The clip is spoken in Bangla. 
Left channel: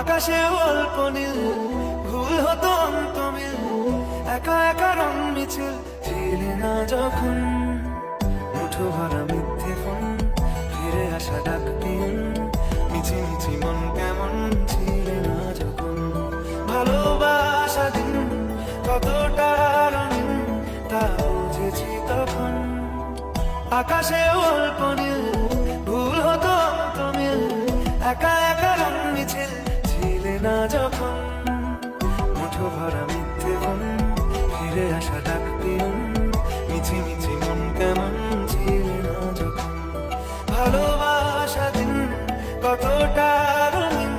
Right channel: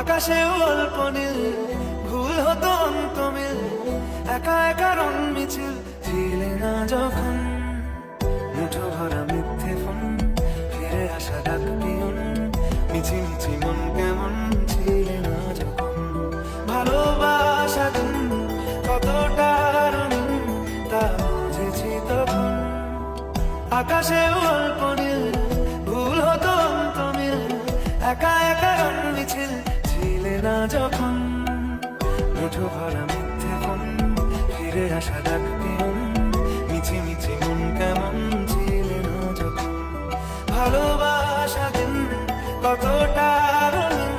আকাশেও অল্প নীল, ভুল হতো অন্তমিল, একা একা রং মিছিল ছিলে না যখন। মুঠো ভরা মিথ্যে ফোন, ফিরে আসা ডাক পিয়ন, মিছি মিছি মন কেমন ছিলে না যখন। ভালোবাসা দিন কতটা রঙিন তা বুঝেছি তখন। আকাশেও অল্প নীল, ভুল হতো অন্তমিল, একা একা রং মিছিল ছিলে না যখন। মুঠো ভরা মিথ্যে ফোন, ফিরে আসা ডাক পিয়ন, মিছি মিছি মন কেমন ছিলে না যখন। ভালোবাসা দিন কতটা রঙিন